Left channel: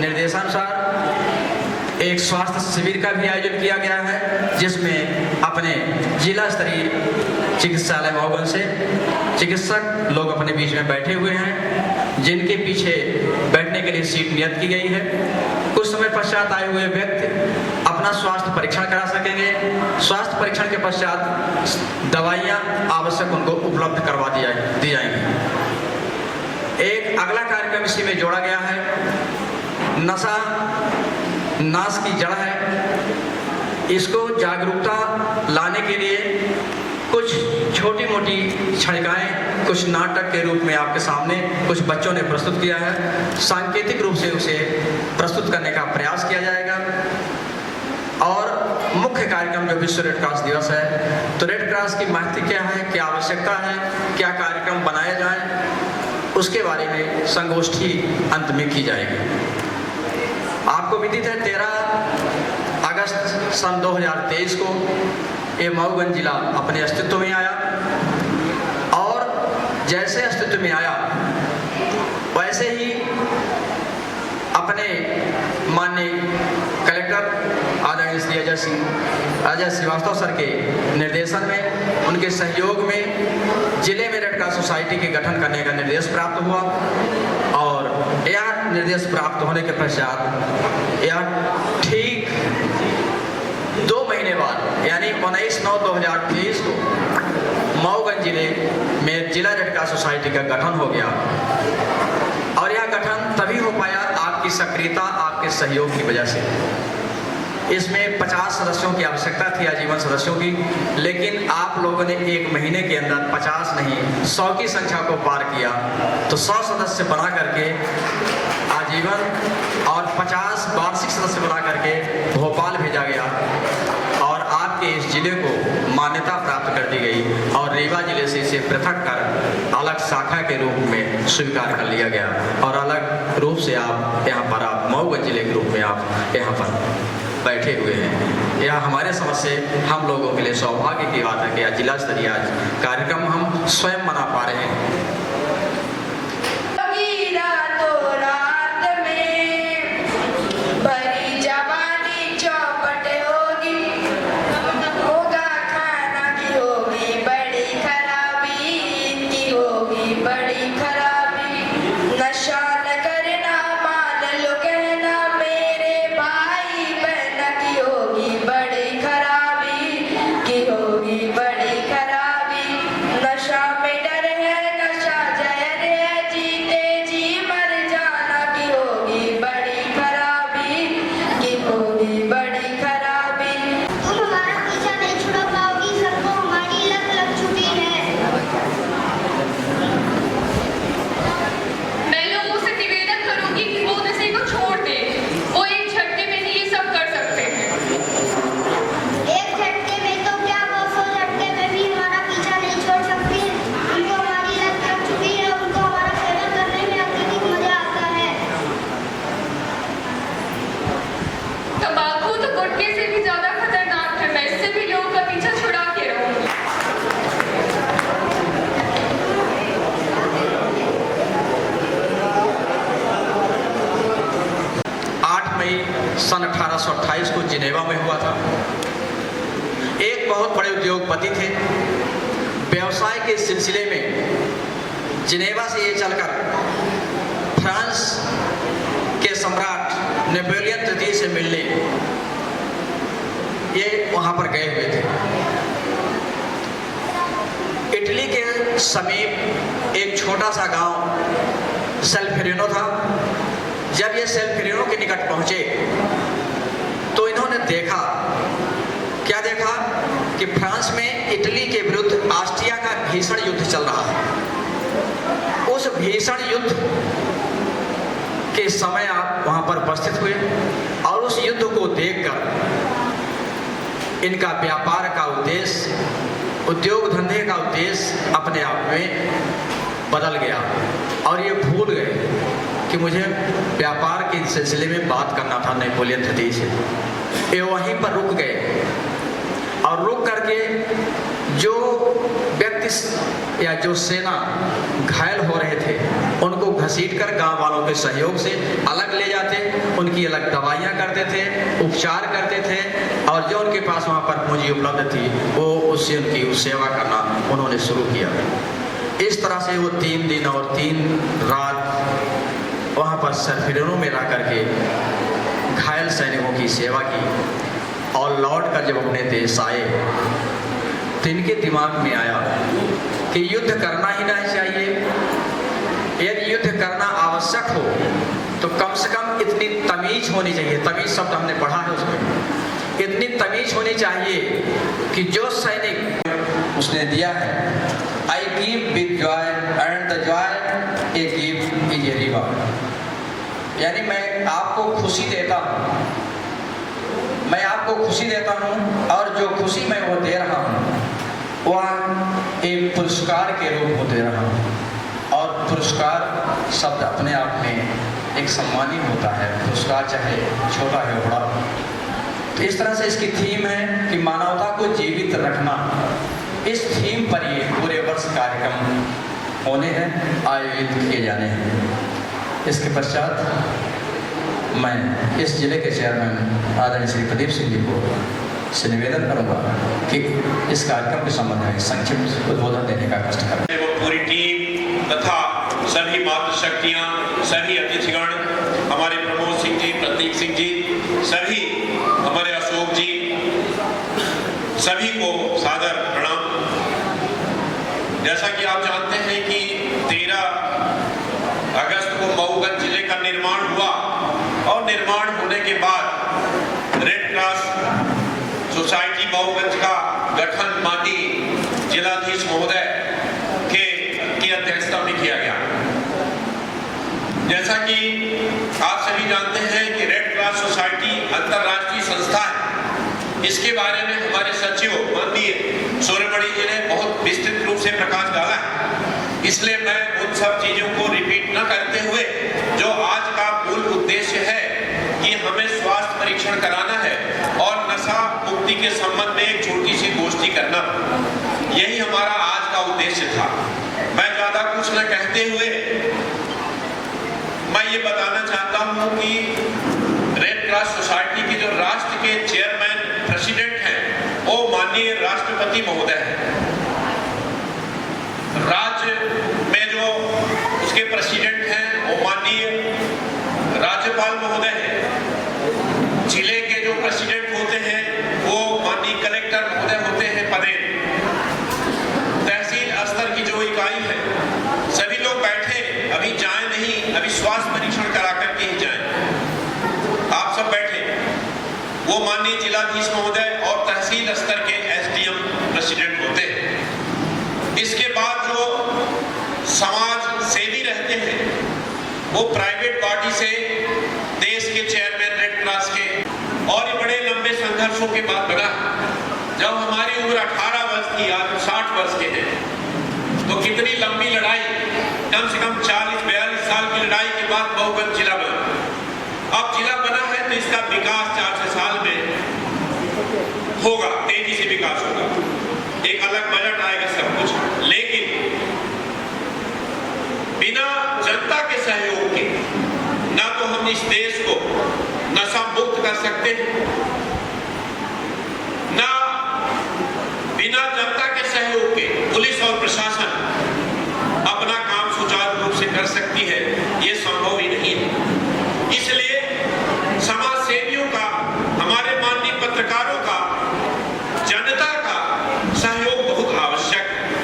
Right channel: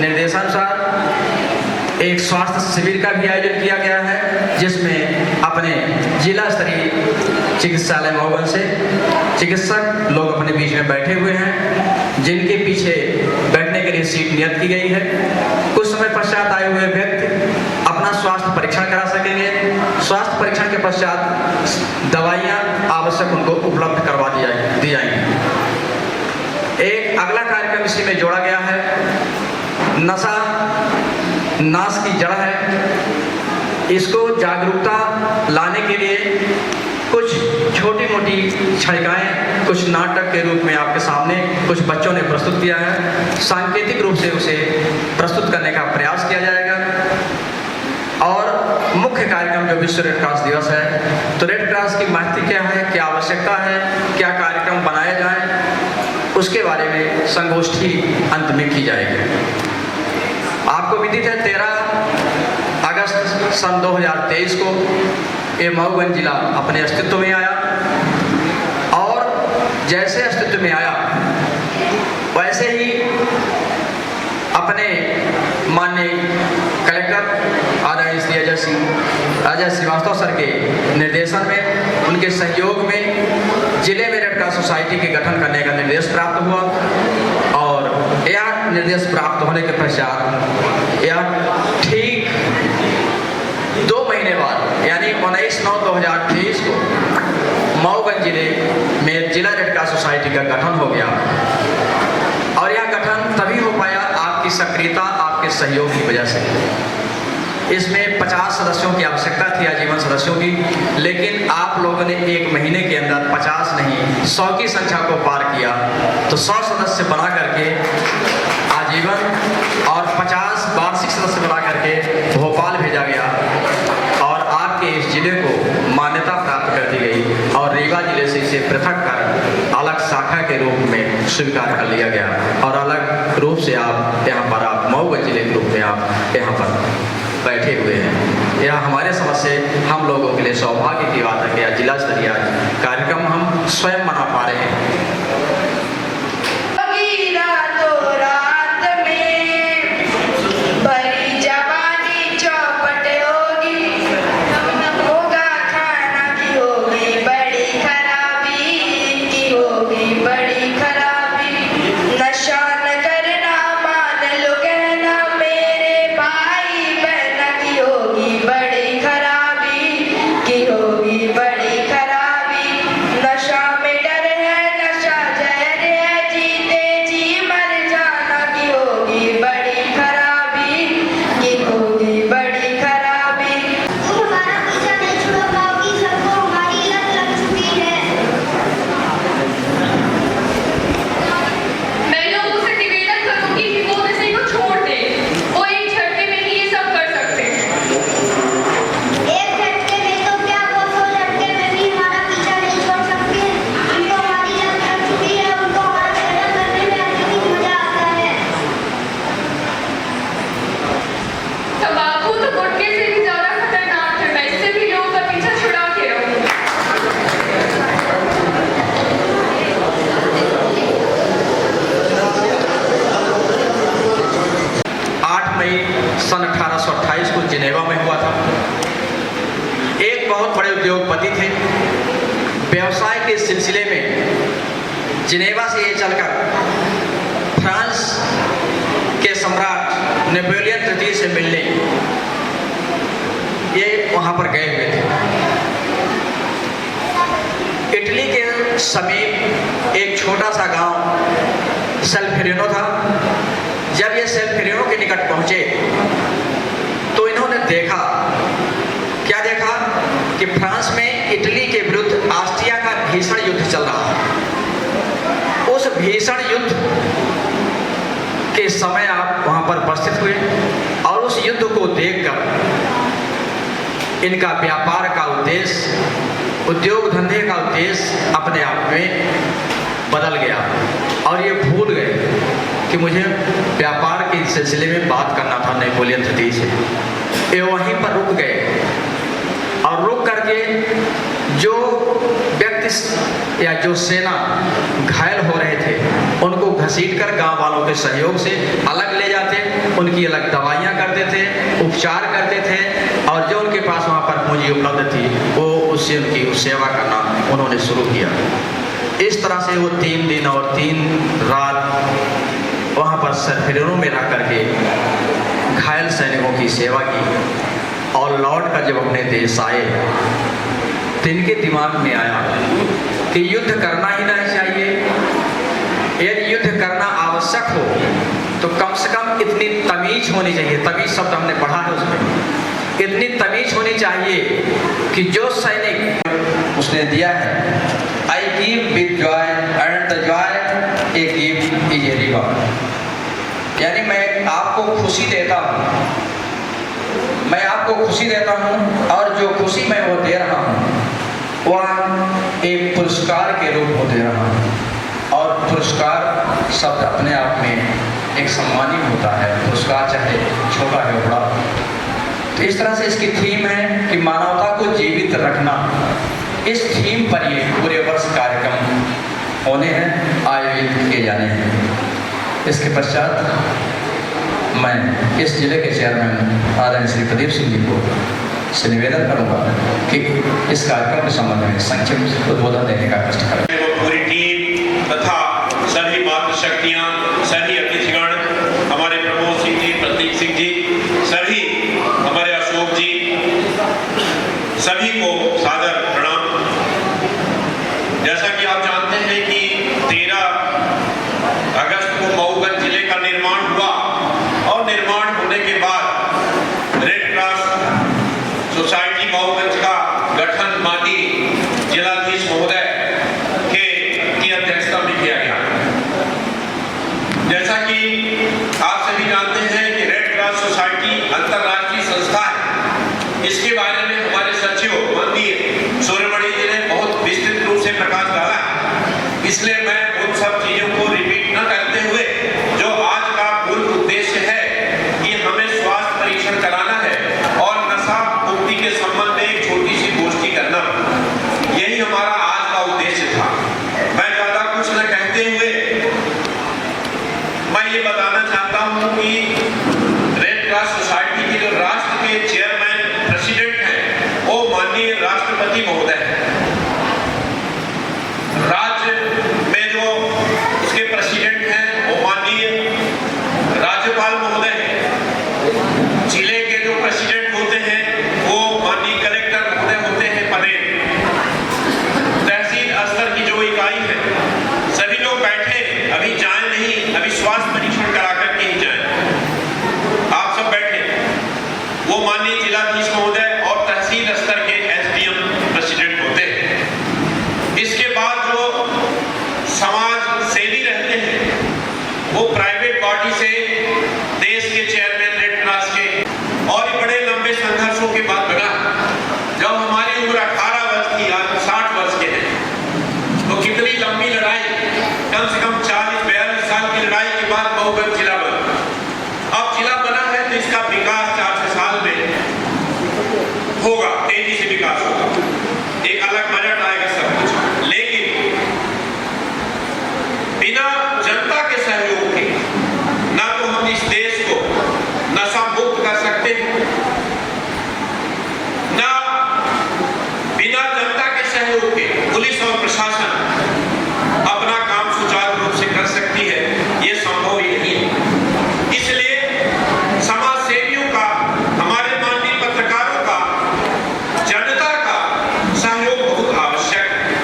निर्देशानुसार एक स्वास्थ्य शिविर का भी आयोजन किया गया है, जिसमें अपने जिला स्तरीय चिकित्सालय महोगन से चिकित्सक लोग अपने बीच में बैठे हुए हैं, जिनके पीछे बैठने के लिए सीट नियत की गई है। कुछ समय पश्चात आए हुए व्यक्ति अपना स्वास्थ्य परीक्षण करा सकेंगे। स्वास्थ्य परीक्षण के पश्चात दवाइयाँ आवश्यक उनको उपलब्ध करवा दी जाएंगी। एक अगला कार्यक्रम इसी में जोड़ा गया है, नशा नाश की जड़ है। इसको जागरूकता लाने के लिए कुछ छोटी मोटी छड़िकाएँ कुछ नाटक के रूप में आपके सामने कुछ बच्चों ने प्रस्तुत किया है। सांकेतिक रूप से उसे प्रस्तुत करने का प्रयास किया जाएगा। और मुख्य कार्यक्रम जो विश्व रेड क्रॉस दिवस है, तो रेड क्रॉस की महत्व क्या है, क्या आवश्यकता है, क्या कार्यक्रम बनाए जाएं, उसके बारे में संगोष्ठी अंत में की जाएगी। आपको विदित है 13 अगस्त सन 2023 को ये महोगन जिला अपने अस्तित्व में आया, और जैसे अस्तित्व में आया वैसे ही अपने माननीय कलेक्टर आदरणीय श्री अजय श्रीवास्तव सर के निर्देशन में, उनके सहयोग में जिले में रेड क्रॉस सोसाइटी के गठन करने का निर्देश प्राप्त हुआ। और यह निर्देश प्राप्त होने के पश्चात यह ठीक 2 महीने बाद यानी 19/9/2023 को महोगन जिले में जिला रेड क्रॉस सोसाइटी का गठन हो गया। और यह गठन तभी हो पाया आपकी सक्रियता, आपके सहयोग की वजह से। इसमें 50 सदस्यों की आवश्यकता थी, आजीवन सदस्यों की, लेकिन आप लोगों ने 1 महीने के अंदर 50 नहीं 100 की संख्या को पार किया। तो 100 सदस्य बना करके आजीवन और 50 वार्षिक सदस्य बना करके भोपाल भेजा गया, और आपके इस जिले को मान्यता प्राप्त कर दी गई, और रीवा जिले से इसे पृथक कर अलग शाखा के रूप में स्वीकार कर लिया गया, और अलग रूप से आप यहाँ पर आप महोगन जिले के रूप में आप यहाँ पर बैठे हुए हैं। यह हमारे समझ से हम लोगों के लिए सौभाग्य की बात है कि जिला स्तरीय कार्यक्रम हम स्वयं मना पा रहे हैं। सन 1828 को जिनेवा में हुआ था। एक बहुत बड़े उद्योगपति थे। व्यवसाय के सिलसिले में जिनेवा से ये चलकर फ्रांस के सम्राट नेपोलियन तृतीय से मिलने ये वहां पर गए हुए थे। इटली के समीप एक छोटा सा गांव सेल्फेरिनो था। जब ये सेल्फेरिनो के निकट पहुंचे तो इन्होंने देखा, क्या देखा कि फ्रांस में इटली के विरुद्ध ऑस्ट्रिया का भीषण युद्ध चल रहा है। उस भीषण युद्ध के समय आप वहां पर उपस्थित हुए और उस युद्ध को देखकर इनका व्यापार का उद्देश्य, उद्योग धंधे का उद्देश्य अपने आप में बदल गया और ये भूल गए कि मुझे व्यापार के सिलसिले में बात करना था नेपोलियन तृतीय से। ये वहीं पर रुक गए और रुक करके जो व्यक्ति या जो सेना घायल हो रहे थे उनको घसीटकर गांव वालों के सहयोग से अलग ले जाते, उनकी अलग दवाइयां करते थे, उपचार करते थे, और जो उनके पास वहां पर पूंजी उपलब्ध थी वो उससे उनकी सेवा करना उन्होंने शुरू किया। इस तरह से वो 3 दिन और 3 रात वहां पर सरफिरों में रह करके घायल सैनिकों की सेवा की, और लौट कर जब अपने देश आए तो इनके दिमाग में आया कि युद्ध करना ही नहीं चाहिए। यदि युद्ध करना आवश्यक हो तो कम से कम इतनी तमीज होनी चाहिए, तमीज शब्द हमने पढ़ा है उसमें, इतनी तमीज होनी चाहिए कि जो सैनिक उसने दिया है, I give with joy and the joy I give is a reward, यानी मैं आपको खुशी देता हूँ, मैं आपको खुशी देता हूँ, और जो खुशी मैं वो दे रहा हूँ वह एक पुरस्कार के रूप में दे रहा हूँ। और पुरस्कार शब्द अपने आप में एक सम्मानित होता है, पुरस्कार चाहे छोटा है बड़ा। तो इस तरह से इसकी थीम है कि मानवता को जीवित रखना। इस थीम पर ये पूरे वर्ष कार्यक्रम होने हैं, आयोजित किए जाने हैं। इसके पश्चात मैं इस जिले के चेयरमैन आदरणीय श्री प्रदीप सिंह जी को से निवेदन करूंगा कि इस कार्यक्रम के संबंध में संक्षिप्त उद्बोधन देने का कष्ट करें। पूरी टीम तथा सभी मातृशक्तियां, सभी अतिथिगण, हमारे प्रमोद सिंह जी, प्रतीक सिंह जी, सभी हमारे अशोक जी, सभी को सादर प्रणाम। जैसा कि आप जानते हैं कि 13 अगस्त को मऊगंज जिले का निर्माण हुआ, और निर्माण होने के बाद रेड क्रॉस सोसाइटी मऊगंज का गठन माननीय जिलाधीश महोदय की अध्यक्षता में किया गया। जैसा कि आप सभी जानते हैं कि रेड क्रॉस सोसाइटी अंतर्राष्ट्रीय संस्था है। इसके बारे में हमारे सचिव माननीय सूर्यमणि जी ने बहुत विस्तृत रूप से प्रकाश डाला है, इसलिए मैं उन सब चीजों को रिपीट न करते हुए जो आज का मूल उद्देश्य है कि हमें स्वास्थ्य परीक्षण कराना है और नशा मुक्ति के संबंध में एक छोटी सी गोष्ठी करना, यही हमारा आज का उद्देश्य था। मैं ज्यादा कुछ न कहते हुए मैं ये बताना चाहता हूँ कि रेड क्रॉस सोसाइटी के जो राष्ट्र के चेयरमैन प्रेसिडेंट हैं वो माननीय राष्ट्रपति महोदय हैं। राज्य में जो उसके प्रेसिडेंट हैं वो माननीय राज्यपाल महोदय हैं। जिले के जो प्रेसिडेंट होते हैं वो माननीय कलेक्टर महोदय होते हैं पदेन। तहसील स्तर की जो इकाई है सभी लोग बैठे, अभी जाएं नहीं, अभी स्वास्थ्य परीक्षण करा करके ही जाएं। आप सब बैठे, वो माननीय जिलाधीश महोदय और तहसील स्तर के एसडीएम प्रेसिडेंट होते हैं। इसके बाद जो समाज सेवी रहते हैं वो प्राइवेट बॉडी से देश के चेयरमैन रेड क्रॉस के, और बड़े लंबे संघर्षों के बाद बना। जब हमारी उम्र 18 वर्ष की, आज 60 वर्ष के हैं, तो कितनी लंबी लड़ाई, कम से कम 40-42 साल की लड़ाई के बाद मऊगंज जिला बना। अब जिला बना है तो इसका विकास 4 साल में होगा, तेजी से विकास होगा, एक अलग बजट आएगा, सब कुछ। लेकिन बिना जनता के सहयोग के ना तो हम इस देश को नशा मुक्त कर सकते हैं, ना बिना जनता के सहयोग के पुलिस और प्रशासन अपना काम सुचारू रूप से कर सकती है, ये संभव ही नहीं है। इसलिए समाज सेवियों का, हमारे माननीय पत्रकारों का, जनता का सहयोग बहुत आवश्यक है,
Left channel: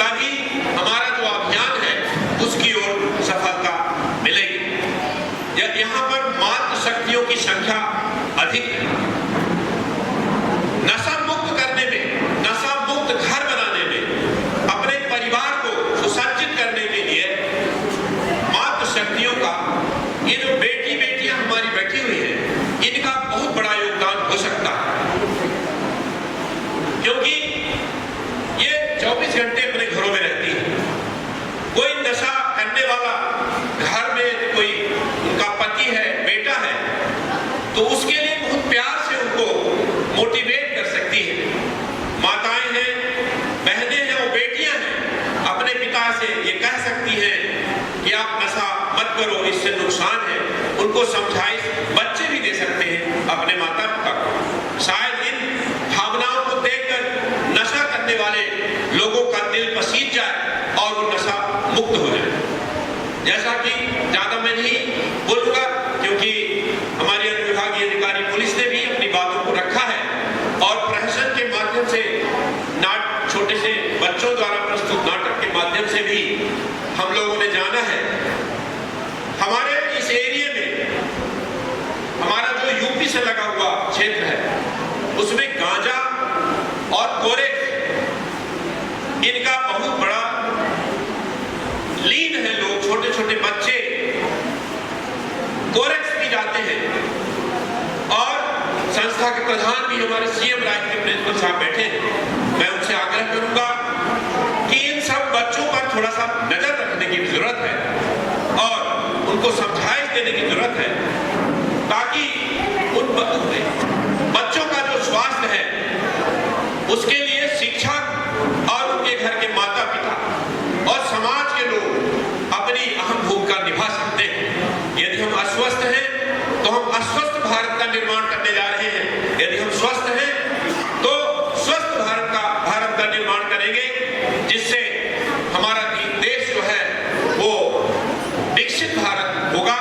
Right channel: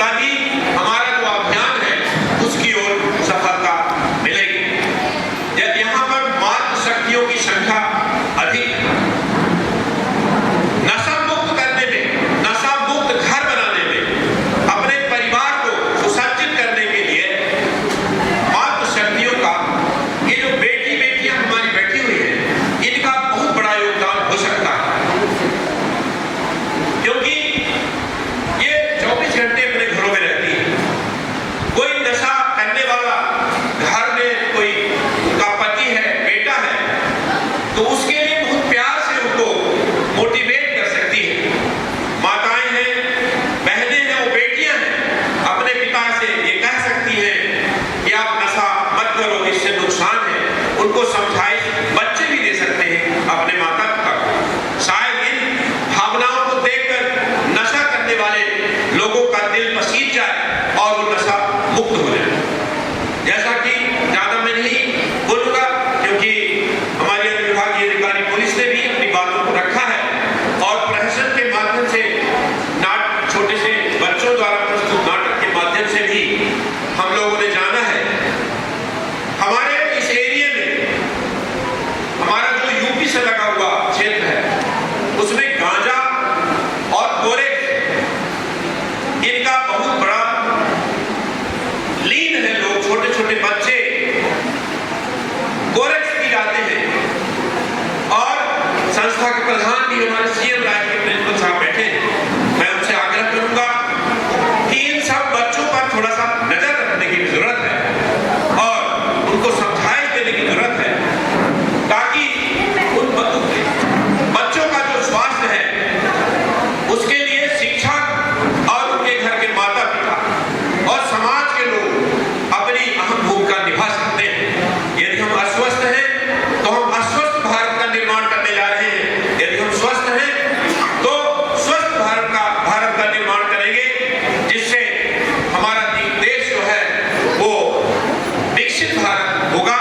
तभी हमारा जो अभियान है उसकी ओर सफलता मिलेगी। यहाँ पर मातृ शक्तियों की संख्या अधिक है। नशा मुक्त करने में, नशा मुक्त घर बनाने में, अपने परिवार को सुसज्जित करने के लिए मातृ शक्तियों का, ये जो बेटियां हमारी बैठी हुई है, इनका बहुत बड़ा योगदान हो सकता है, क्योंकि ये 24 घंटे अपने घरों में रहती है। कोई नशा करने वाला घर में कोई उनका पति है, बेटा है, तो उसके लिए बहुत प्यार से उनको मोटिवेट कर सकती है बच्चे भी दे सकते हैं अपने माता पिता को। शायद इन भावनाओं को देखकर नशा करने वाले लोगों का दिल पसीज जाए और वो नशा मुक्त हो जाए। जैसा कि ज्यादा मैं नहीं बोलूंगा, क्योंकि हमारी अनुविभागीय अधिकारी पुलिस ने भी अपनी बातों को रखा है और प्रहसन के माध्यम से छोटे से बच्चों द्वारा प्रस्तुत नाटक के माध्यम से भी हम लोगों ने जाना है। हमारे इस एरिया में हमारा जो यूपी से लगा हुआ क्षेत्र है उसमें गांजा और कोरेक्स इनका बहुत बड़ा लीन है। लोग छोटे छोटे बच्चे कोरेक्स पी जाते हैं और संस्था के प्रधान भी हमारे सीएम राज्य के प्रिंसिपल साहब बैठे हैं। मैं उनसे आग्रह करूंगा कि इन सब बच्चों पर थोड़ा सा नजर रखने की जरूरत है और उनको समझाइश देने की जरूरत है, ताकि उन बच्चों का जो स्वास्थ्य है उसके लिए शिक्षक और उनके घर के माता पिता और समाज के लोग अपनी अहम भूमिका निभा सकते हैं। यदि हम अस्वस्थ हैं तो हम अस्वस्थ भारत का निर्माण करने जा रहे हैं। यदि हम स्वस्थ हैं तो स्वस्थ भारत का निर्माण करेंगे, जिससे हमारा देश जो है वो विकसित भारत होगा।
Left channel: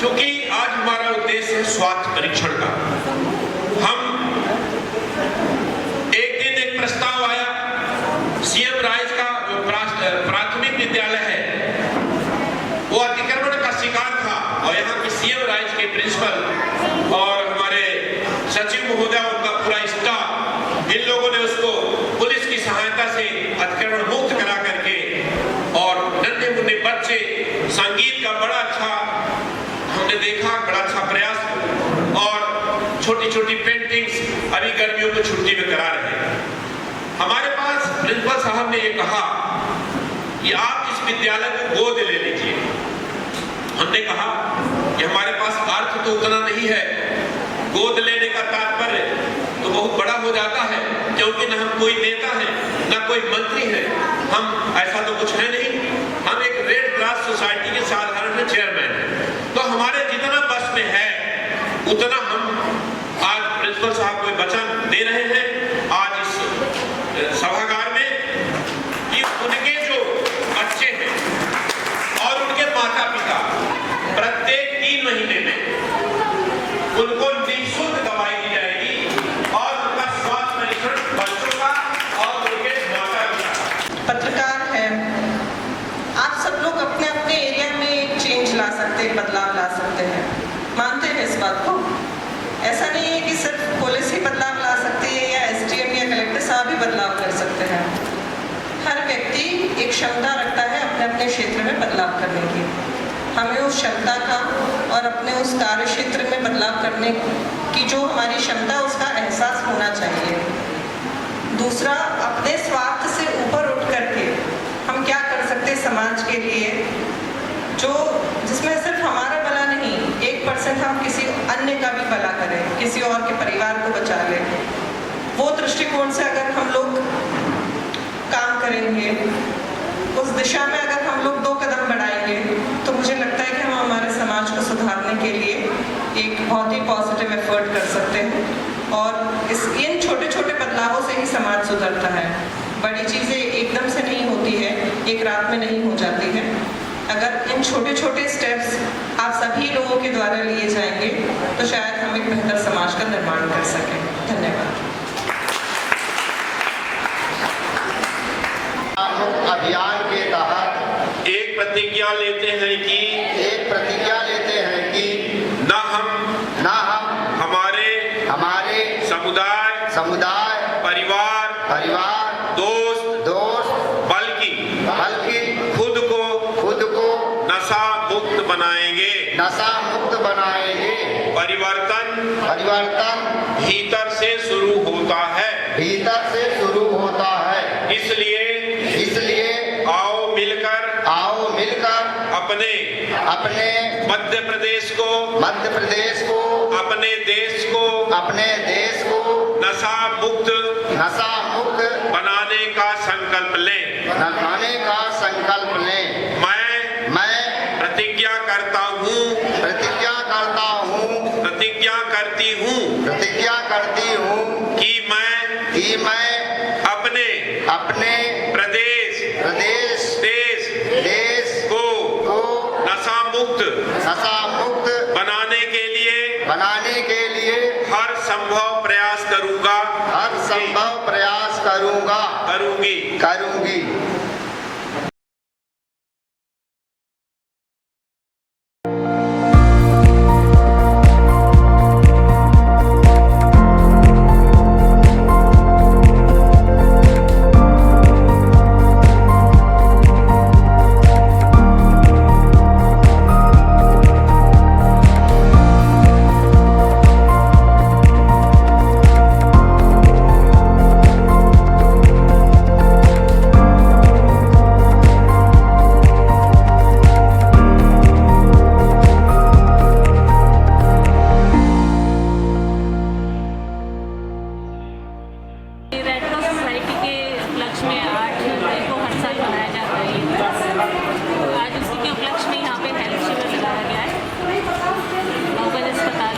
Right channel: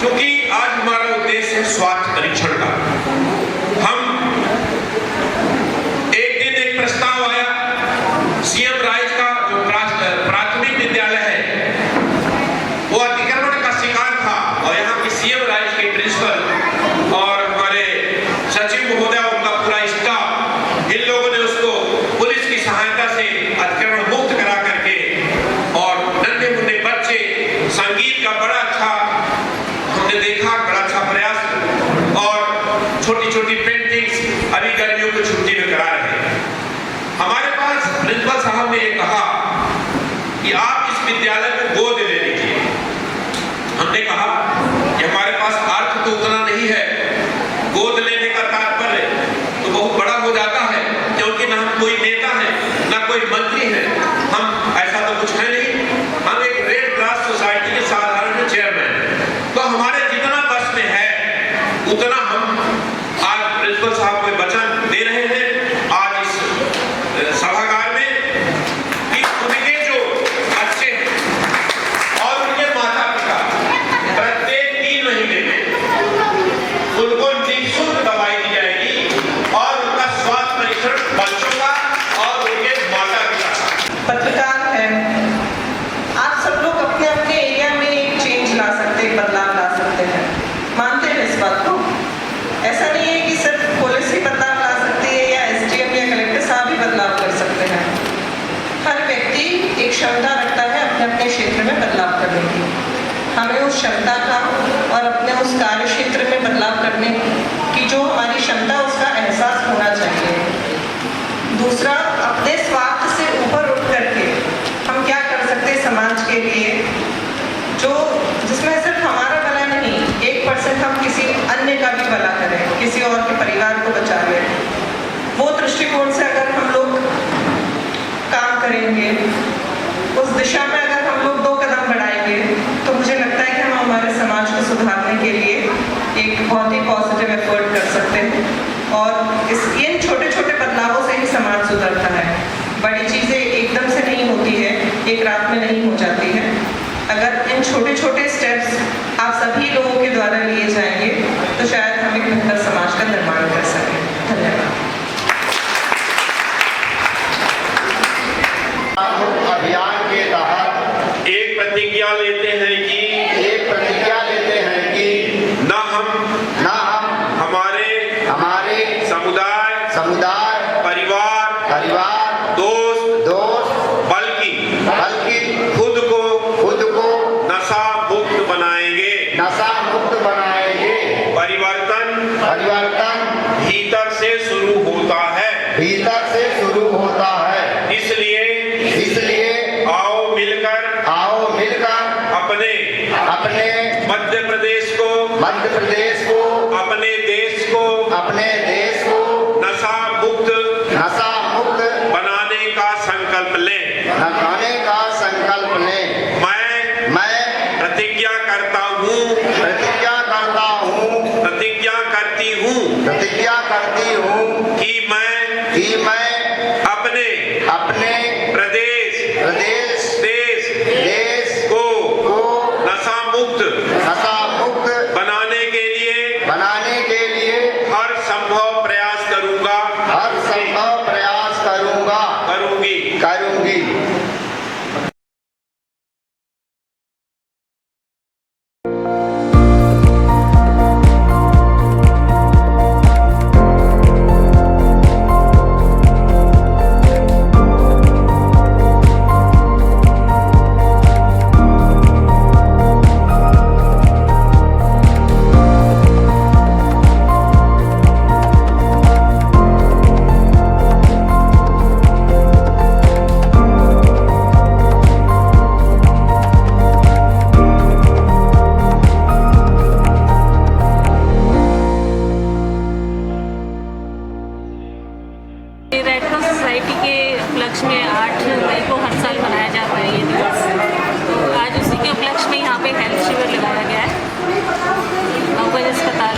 क्योंकि आज हमारा उद्देश्य है स्वास्थ्य परीक्षण का। हम एक दिन एक प्रस्ताव आया, सीएम राइज का जो प्राथमिक विद्यालय है वो अतिक्रमण का शिकार था और यहाँ के सीएम राइज के प्रिंसिपल और हमारे सचिव महोदय उनका पूरा स्टाफ, इन लोगों ने उसको पुलिस की सहायता से अतिक्रमण मुक्त करा करके और नन्हे मुन्ने बच्चे संगीत का बड़ा अच्छा हमने देखा, बड़ा अच्छा प्रयास और छोटी छोटी पेंटिंग्स अभी गर्मियों की छुट्टी में करा रहे हैं। हमारे पास प्रिंसिपल साहब ने ये कहा कि आप इस विद्यालय को गोद ले लीजिए। हमने कहा कि हमारे पास अर्थ तो उतना नहीं है, गोद लेने का तात्पर्य तो बहुत बड़ा हो जाता है, क्योंकि न हम कोई नेता है न कोई मंत्री है, हम ऐसा तो कुछ है नहीं। हम एक रेड क्रॉस सोसाइटी के साधारण चेयरमैन हैं। तो हमारे जितना बस में है उतना हम आज प्रिंसिपल साहब को वचन दे रहे हैं आज इस सभागार में कि उनके जो बच्चे हैं और उनके माता पिता प्रत्येक 3 महीने में उनको निःशुल्क दवाई दी जाएगी और उनका स्वास्थ्य परीक्षण बच्चों का और उनके माता पिता। पत्रकार है, आप सब लोग अपने अपने एरिया में एक चेंज ला सकते हैं, बदलाव ला सकते हैं, मानते हैं इस बात को। ऐसा नहीं है कि सिर्फ पुलिस ही बदलाव ला सकती है या एसडीएम या कलेक्टर साहब ही बदलाव कर सकते हैं। हर व्यक्ति एक क्षमता रखता है अपने अपने क्षेत्र में बदलाव करने की। हमें उस क्षमता का और अपने उस कार्य क्षेत्र में बदलाव करने की जो हमारी क्षमता उसका एहसास होना चाहिए। दूसरा, अपने स्वार्थ से ऊपर उठ करके हम क्या कर सकते हैं समाज के लिए, जो जिसमें सिर्फ हमारा भला नहीं, 1% हम किसी अन्य का भी भला करें, किसी और के परिवार को बचा लें। वो दृष्टिकोण से अगर हम लोग काम करेंगे, उस दिशा में अगर हम लोग 2 कदम बढ़ाएंगे, तो मुझे लगता है कि हम हमारे समाज को सुधारने के लिए एक बहुत ही पॉजिटिव एफर्ट कर सकते हैं। और इन छोटे छोटे बदलावों से ही समाज सुधरता है। बड़ी चीज़ें एकदम से नहीं होती है, एक रात में नहीं हो जाती है। अगर इन छोटे छोटे स्टेप्स आप सभी लोगों के द्वारा लिए जाएंगे तो शायद हम एक बेहतर समाज का निर्माण कर सकें। धन्यवाद। अभियान के तहत एक प्रतिज्ञा लेते हैं कि न हम हमारे समुदाय परिवार दोस्त बल्कि खुद को नशा मुक्त बनाएंगे। परिवर्तन भीतर से शुरू होता है। इसलिए आओ मिलकर अपने मध्य प्रदेश को अपने देश को नशा मुक्त बनाने का संकल्प लें। मैं प्रतिज्ञा करता हूँ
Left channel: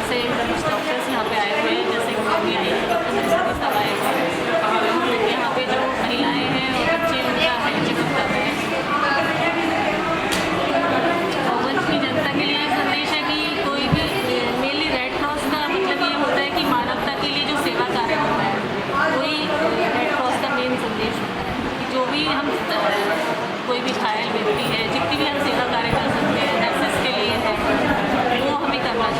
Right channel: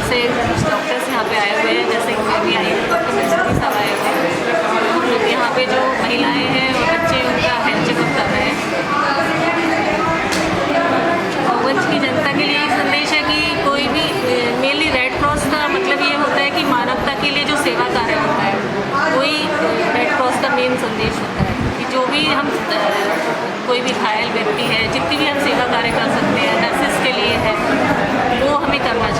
से कुछ डॉक्टर्स यहाँ पे आए हुए हैं, जैसे कि मैं भी आई हूँ, डॉक्टर मंसूरी साहब आए हुए हैं। हम लोग यहाँ पे जो महिलाएं हैं और बच्चे उनका हेल्थ चेकअप कर रहे हैं। और वंश की जनता के लिए एक संदेश है कि कोई भी मेनली रेड क्रॉस का मतलब ये होता है कि मानवता के लिए जो सेवा कार्य होता है, वही रेड क्रॉस का मेन संदेश होता है कि जो भी हम कोई भी घायल व्यक्ति है, जितनी भी हम सेवा कार्य कर सकते हैं, नर्सेस के लिए है, वो हमें करना चाहिए।